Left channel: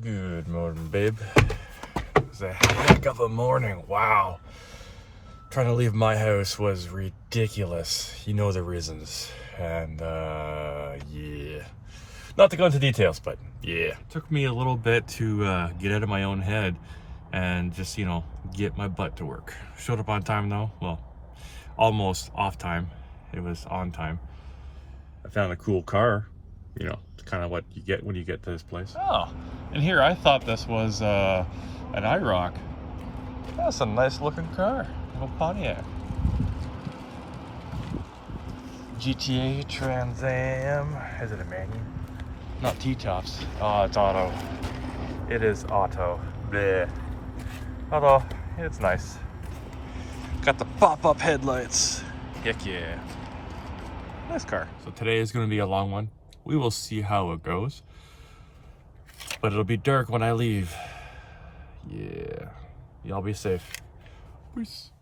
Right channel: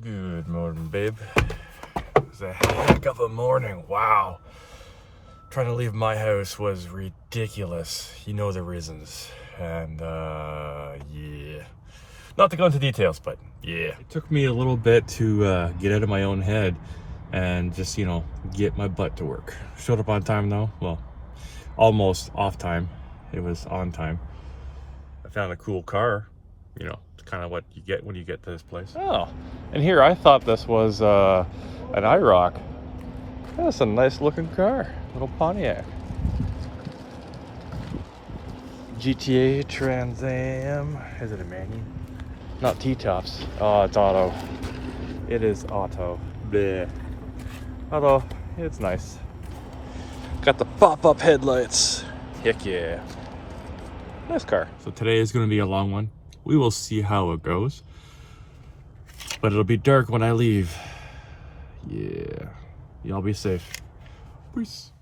Good morning, babe. It was a heck of a morning. Wow. Trying to leave my house was ridiculous. You know the reasons. And, yeah. Not to go into details, but yeah. It took me a little bit to get out of my own head and just, get my butt to work. Showed up on time, though. Well, almost off time. It was on time. I found a cool car. Kind of what you get when you get to this place. Oh, and here I thought this was an IROC. This is a nice looking car, little Pontiac. GTA Trans Am. Is it a manual? Not T-tops. Oh, it's auto. It is auto. Bleh. Although it's nice. Got the pop-up headlights. Heck yeah. Nice car. So today is going to be a long one. We will see how it goes. But it'll be dark when I leave. Yeah. Y'all be safe. Peace.